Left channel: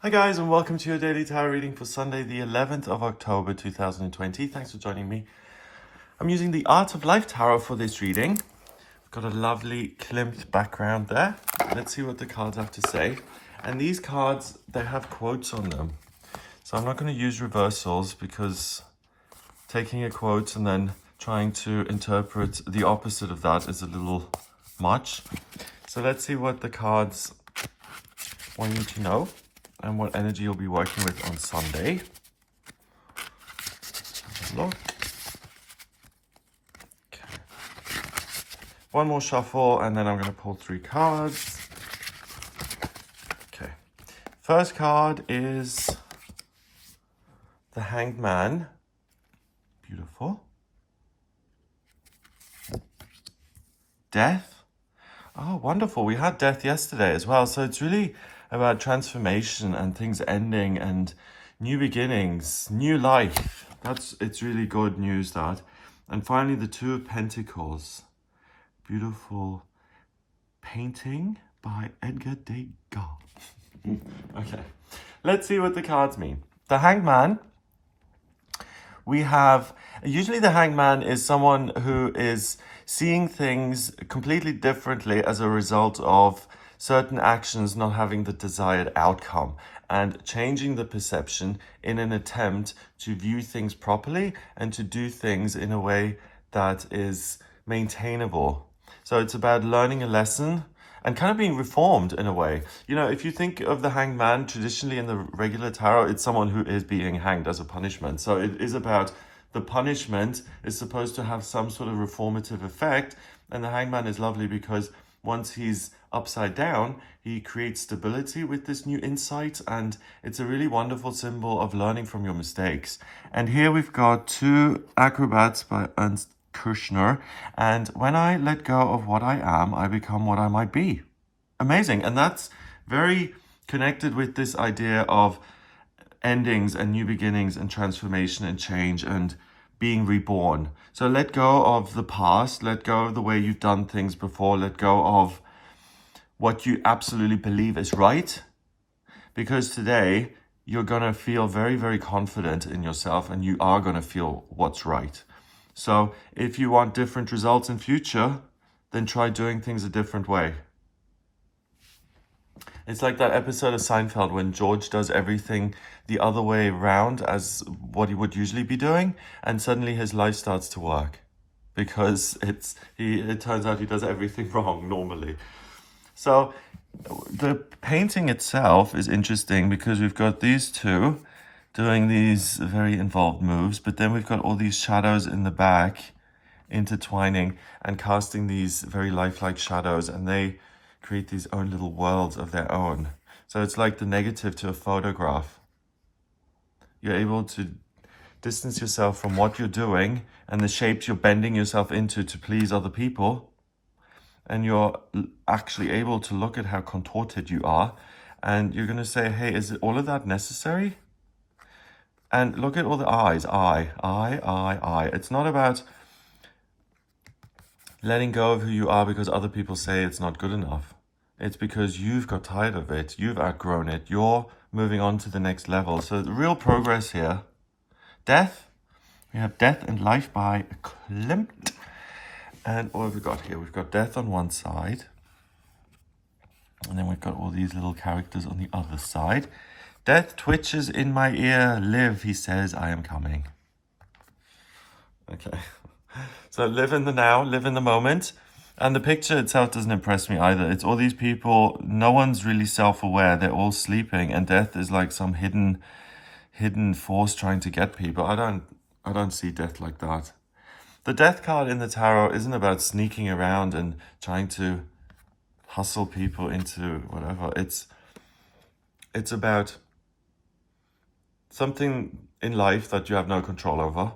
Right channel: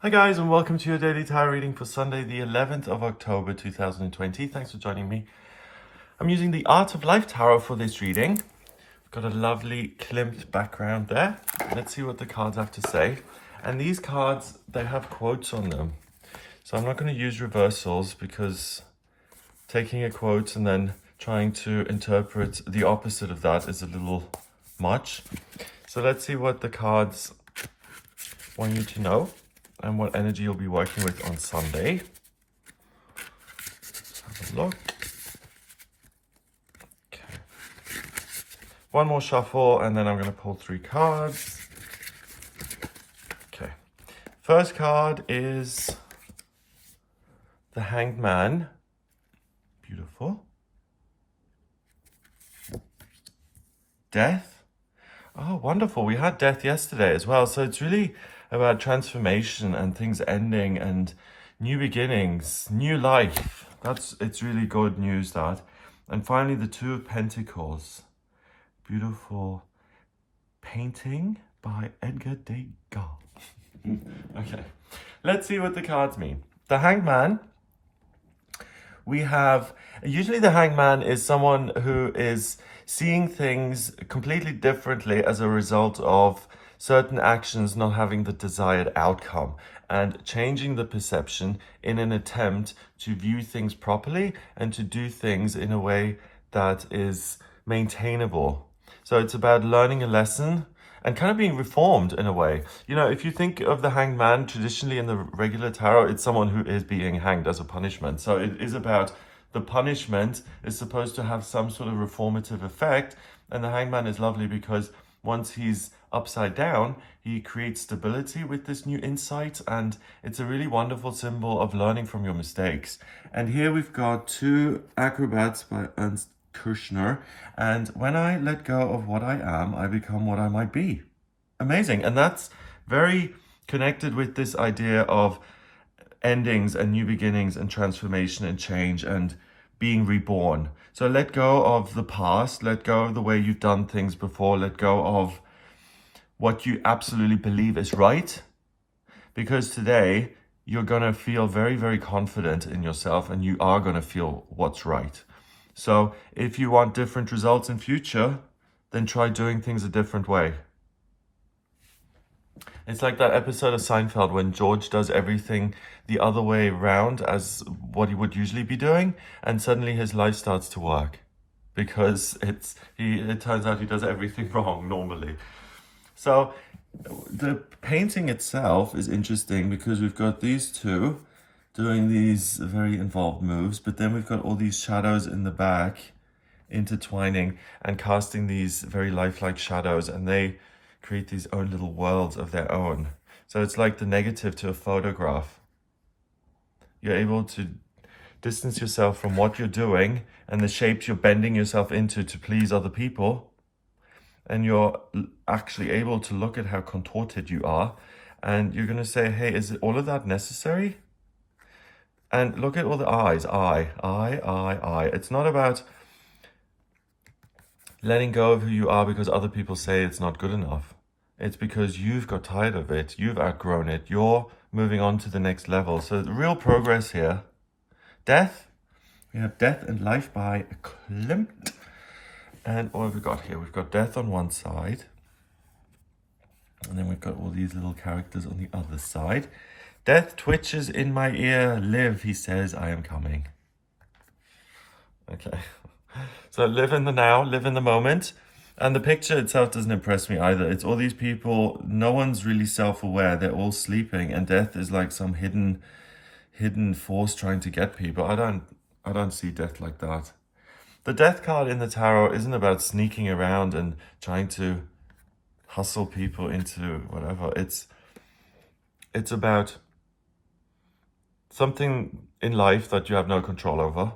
Hi guys, and welcome to your daily tarot reading for Sunday the 11th of October 2020. Thanks for joining me. I'm using the Art of Life Tarot for this reading. I've got a lovely Klimt background there. Let's see what the cards have to say. And these cards, they have quotes on them. So I'm not going to use reversals because taking a quote and then trying to interpret the opposite of that is a little much. So let's see what the cards want you to know and what energy you'll be working with on Sunday. Let's have a look. Okay. One more shuffle and then I'm going to pull 3 cards. Okay. First card is the Hangman. Beautiful. Death. Oh, wonderful. We had death yesterday as well. So it's really about transformation and things ending and new beginnings, new life. It's really good news, that. And finally, the 2 of Pentacles. Beautiful painting by Edgar Degas. Okay, let's see what the cards mean. The Hangman. We have, usually the Hangman is someone who is seeing things completely differently as a result of certain actions not having the desired outcome and changing the perception in an attempt to view things properly and to do things in a way that is maintainable. So it's about learning a lesson and kind of being reformed in a way. You know, if you think of the Hangman traditionally in the regular tarot, it's someone who is being hanged as a punishment. So it is about the punishment is supposed to have some sort of reformative effect. And the Hangman is lovely because once he's upside down, he creates stability with this new insight. And it's a really wonderful symbol of learning from your mistakes. And here we've got 2 acrobats by Ernst Kushner, and when I let go of what I am, I become what I might be. Amazing. And that's very connected with this idea of endings and new beginnings and transformation and change and being reborn. So let go of the past, let go of the way you've done things before, let go of what you absolutely believe is right, because today you're going to feel very, very confident in yourself and you are going to feel what's right. So if you want different results in future, then try doing things a different way. It's like that episode of Seinfeld when George does everything the other way around as what he would usually be doing, and suddenly his life starts to work because it turns out he does everything wrong normally. So the painting itself is interesting because we've got these 2 doing these very involved moves, but then we've got all these shadows in the back intertwining and casting these very lifelike shadows, and they create these own little worlds of their own. So it's like the negative to a photograph. You're able to distance yourself from what you're doing and the shapes you're bending yourself into to please other people, and you're actually able to look at how contorted you are, and you're going to say, hey, is it all of that necessary? And look at all the eyes. I. It's not about letting go of who you are because other people say it's not good enough. It's because you've got tired of it. You've outgrown it. You're moving on to the next level. So the real progress here. Death. We have Death and Life by Klimt. And what have we got here? We've got death on one side. And then we've got all these little characters on the other side. Death twitches in my ear. Live, he says, I am coming. Okay. So live in the now, live in the moment. And the picture itself doesn't impress me either. It's all these people, no one's really self-aware. They're all sleeping, and death is like some hidden force trying to get people. I don't see death like that. The death card in the tarot isn't about sneaking around and trying to hustle people into whatever. It's about something in life that you have no control over.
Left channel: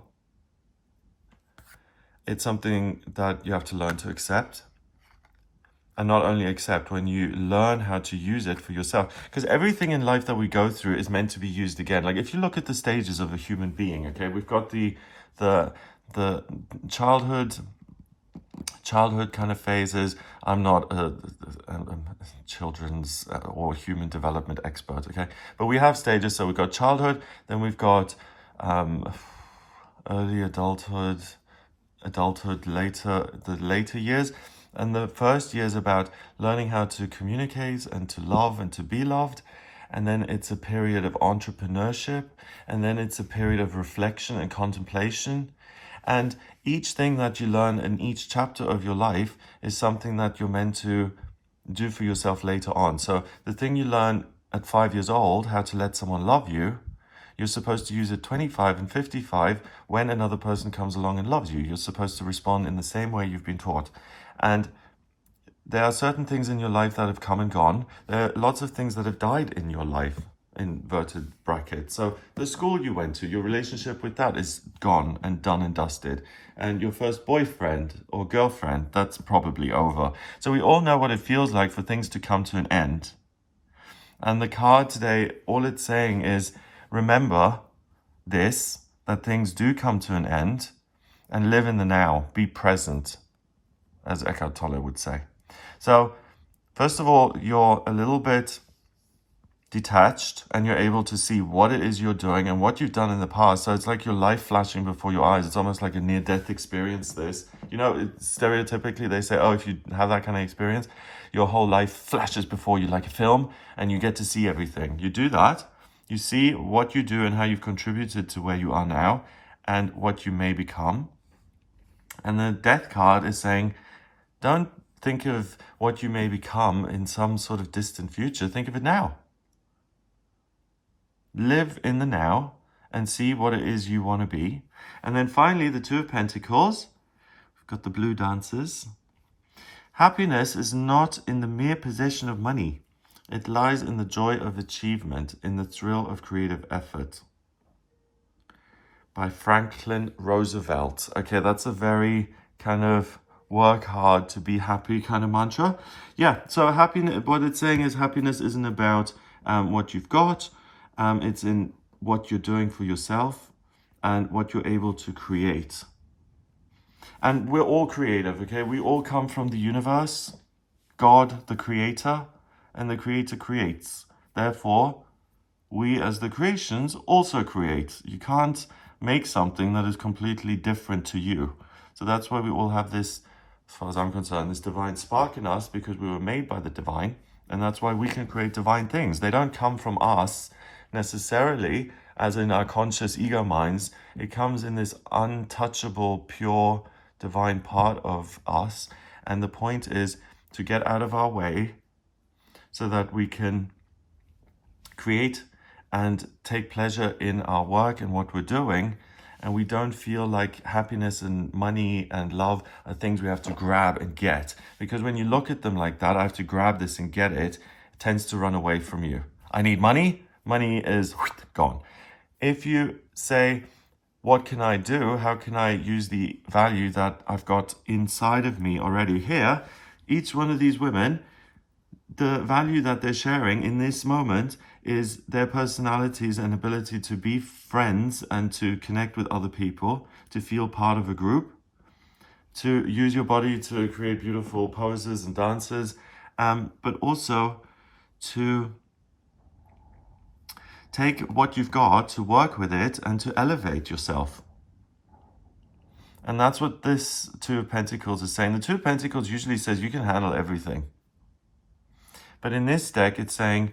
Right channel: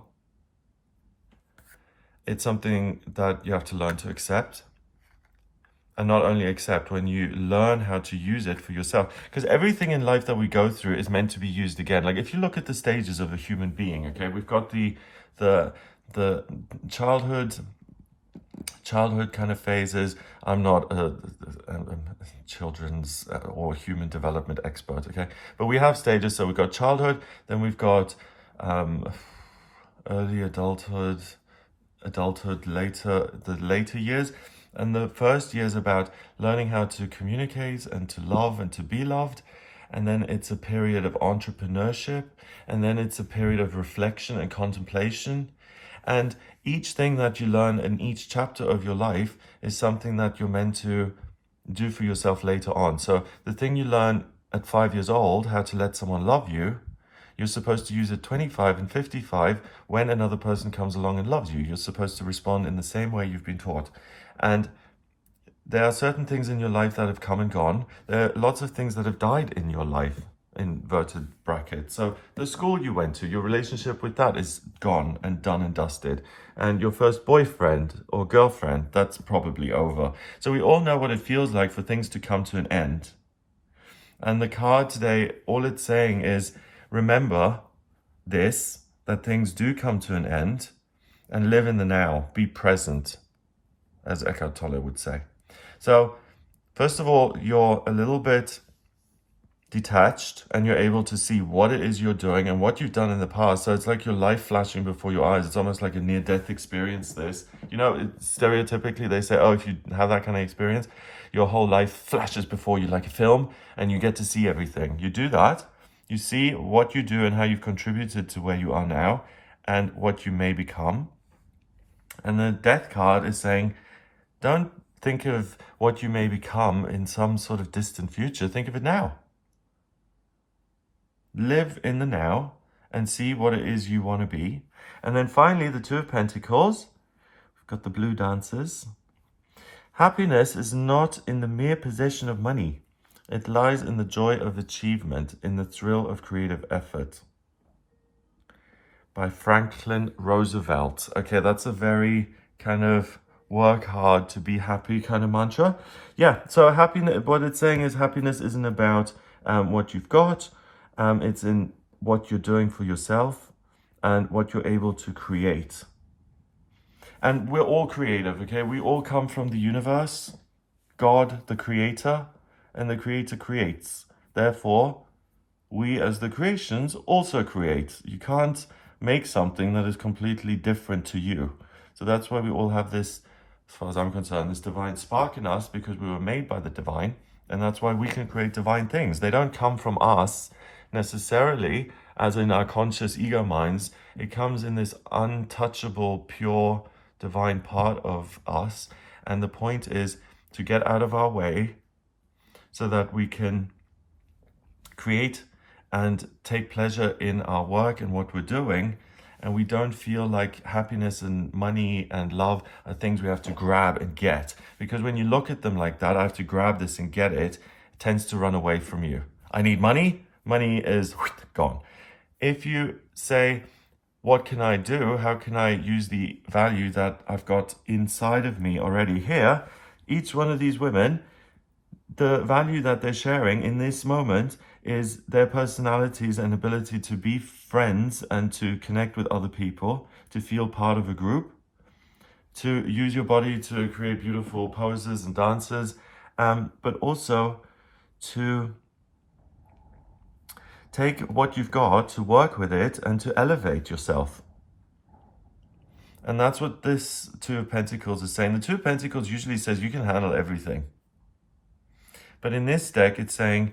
It's something that you have to learn to accept. And not only accept, when you learn how to use it for yourself. Because everything in life that we go through is meant to be used again. Like if you look at the stages of a human being, okay, we've got the childhood, childhood kind of phases. I'm not a children's or human development expert, okay? But we have stages. So we've got childhood, then we've got early adulthood, later, the later years. And the first year is about learning how to communicate and to love and to be loved. And then it's a period of entrepreneurship. And then it's a period of reflection and contemplation. And each thing that you learn in each chapter of your life is something that you're meant to do for yourself later on. So the thing you learn at 5 years old, how to let someone love you, you're supposed to use at 25 and 55 when another person comes along and loves you. You're supposed to respond in the same way you've been taught. And there are certain things in your life that have come and gone. There are lots of things that have died in your life, inverted brackets. So the school you went to, your relationship with that is gone and done and dusted. And your first boyfriend or girlfriend, that's probably over. So we all know what it feels like for things to come to an end. And the card today, all it's saying is, remember this, that things do come to an end, and live in the now, be present, as Eckhart Tolle would say. So, first of all, you're a little bit detached and you're able to see what it is you're doing and what you've done in the past. So it's like your life flashing before your eyes. It's almost like a near-death experience, this. You know, stereotypically they say, oh, if you have that kind of experience, your whole life flashes before you like a film and you get to see everything. You do that. You see what you do and how you've contributed to where you are now and what you may become. And the death card is saying, don't think of what you may become in some sort of distant future. Think of it now. Live in the now and see what it is you want to be. And then finally, the Two of Pentacles. We've got the blue dancers. Happiness is not in the mere possession of money. It lies in the joy of achievement, in the thrill of creative effort. By Franklin Roosevelt. Okay, that's a very kind of work hard to be happy kind of mantra. Yeah, so happiness, what it's saying is happiness isn't about what you've got. It's in what you're doing for yourself and what you're able to create. And we're all creative, okay? We all come from the universe, God, the creator, and the creator creates. Therefore, we as the creations also create. You can't make something that is completely different to you. So that's why we all have this, as far as I'm concerned, this divine spark in us, because we were made by the divine. And that's why we can create divine things. They don't come from us necessarily, as in our conscious ego minds. It comes in this untouchable, pure, divine part of us. And the point is to get out of our way so that we can create and take pleasure in our work and what we're doing. And we don't feel like happiness and money and love are things we have to grab and get. Because when you look at them like that, I have to grab this and get it, it tends to run away from you. I need money. Money is gone. If you say, what can I do? How can I use the value that I've got inside of me already here? Each one of these women, the value that they're sharing in this moment is their personalities and ability to be friends and to connect with other people, to feel part of a group, to use your body to create beautiful poses and dances, but also to take what you've got, to work with it, and to elevate yourself. And that's what this Two of Pentacles is saying. The Two of Pentacles usually says you can handle everything. But in this deck, it's saying,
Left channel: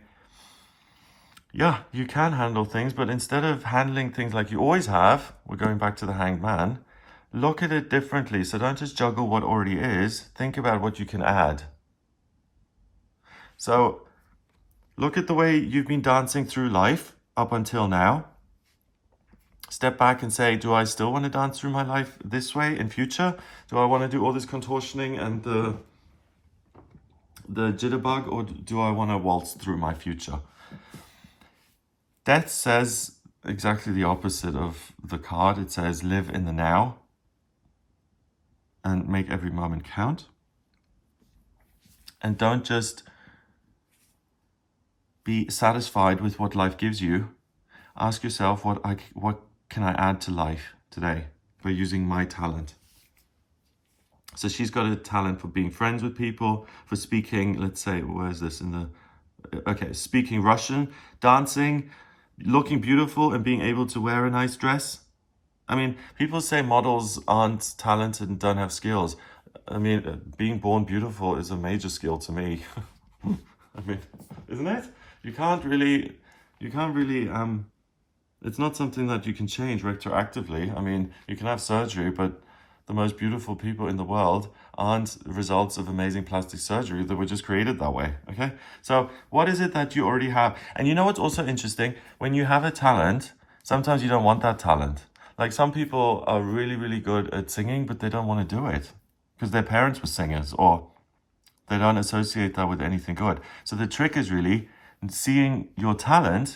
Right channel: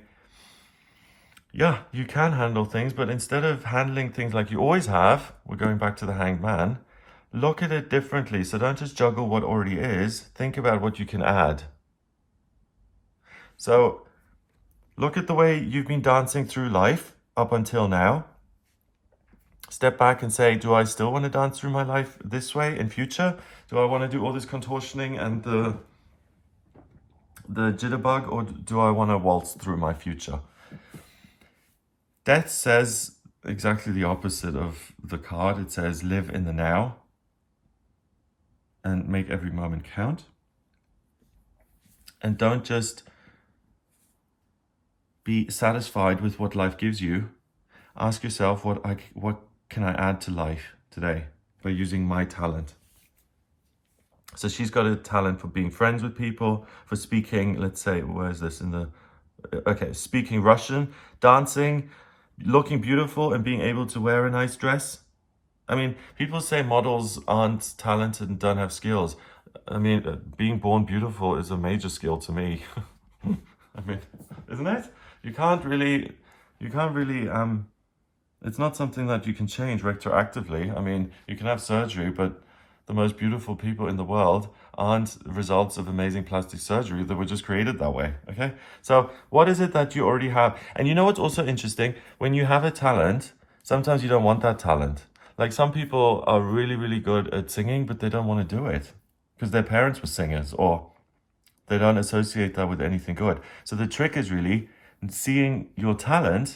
yeah, you can handle things, but instead of handling things like you always have, we're going back to the Hangman, look at it differently. So don't just juggle what already is. Think about what you can add. So look at the way you've been dancing through life up until now. Step back and say, do I still want to dance through my life this way in future? Do I want to do all this contortioning and the jitterbug, or do I want to waltz through my future? Death says exactly the opposite of the card. It says live in the now and make every moment count. And don't just be satisfied with what life gives you. Ask yourself, what can I add to life today by using my talent? So she's got a talent for being friends with people, for speaking, let's say, where is this in the, okay, speaking Russian, dancing, looking beautiful and being able to wear a nice dress. I mean, people say models aren't talented and don't have skills. I mean, being born beautiful is a major skill to me. I mean, isn't it? You can't really, it's not something that you can change retroactively. I mean, you can have surgery, but the most beautiful people in the world aren't results of amazing plastic surgery. They were just created that way, okay? So what is it that you already have? And you know what's also interesting? When you have a talent, sometimes you don't want that talent. Like some people are really, really good at singing, but they don't want to do it because their parents were singers or they don't associate that with anything good. So the trick is really seeing your talent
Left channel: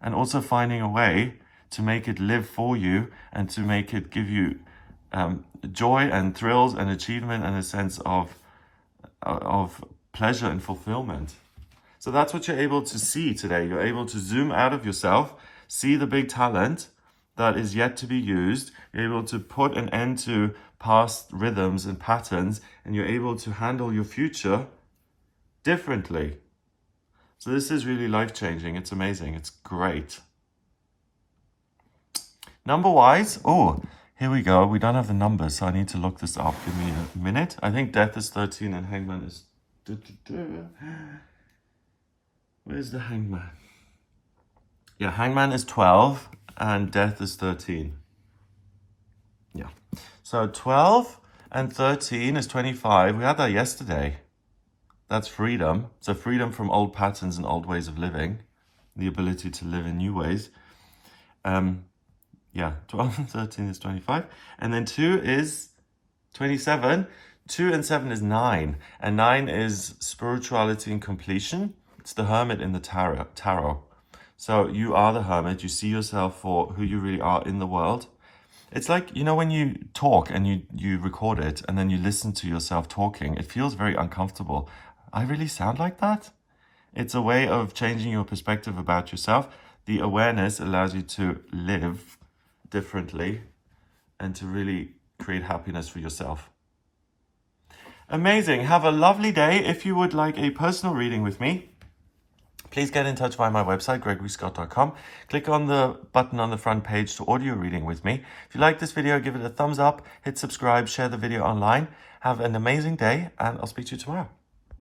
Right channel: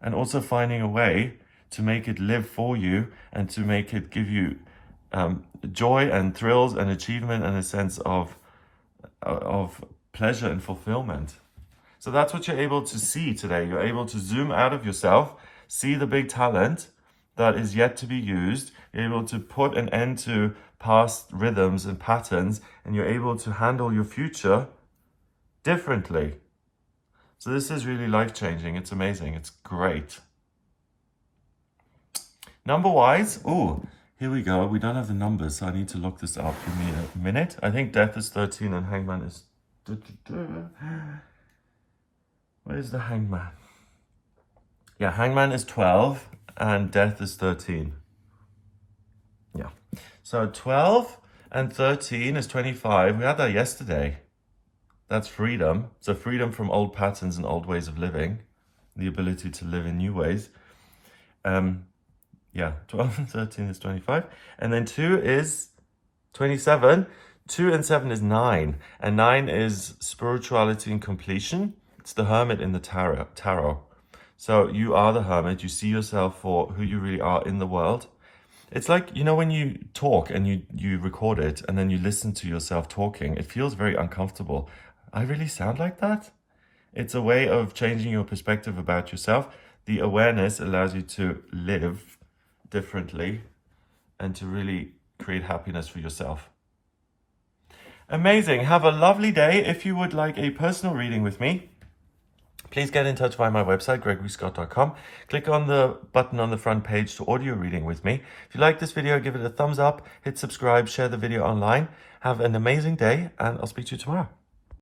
and also finding a way to make it live for you and to make it give you joy and thrills and achievement and a sense of pleasure and fulfillment. So that's what you're able to see today. You're able to zoom out of yourself, see the big talent that is yet to be used. You're able to put an end to past rhythms and patterns, and you're able to handle your future differently. So this is really life-changing. It's amazing. It's great. Number-wise, oh, here we go. We don't have the numbers, so I need to look this up. Give me a minute. I think Death is 13 and Hangman is... Where's the Hangman? Yeah, Hangman is 12 and Death is 13. Yeah. So 12 and 13 is 25. We had that yesterday. That's freedom. So freedom from old patterns and old ways of living. The ability to live in new ways. Yeah, 12 and 13 is 25. And then 2 is 27. 2 and 7 is 9. And 9 is spirituality and completion. It's the Hermit in the tarot. So you are the Hermit. You see yourself for who you really are in the world. It's like, you know, when you talk and you record it and then you listen to yourself talking, it feels very uncomfortable. I really sound like that? It's a way of changing your perspective about yourself. The awareness allows you to live differently and to really create happiness for yourself. Amazing. Have a lovely day. If you would like a personal reading with me, please get in touch via my website, gregoryscott.com. Click on the button on the front page to audio reading with me. If you like this video, give it a thumbs up, hit subscribe, share the video online. Have an amazing day, and I'll speak to you tomorrow.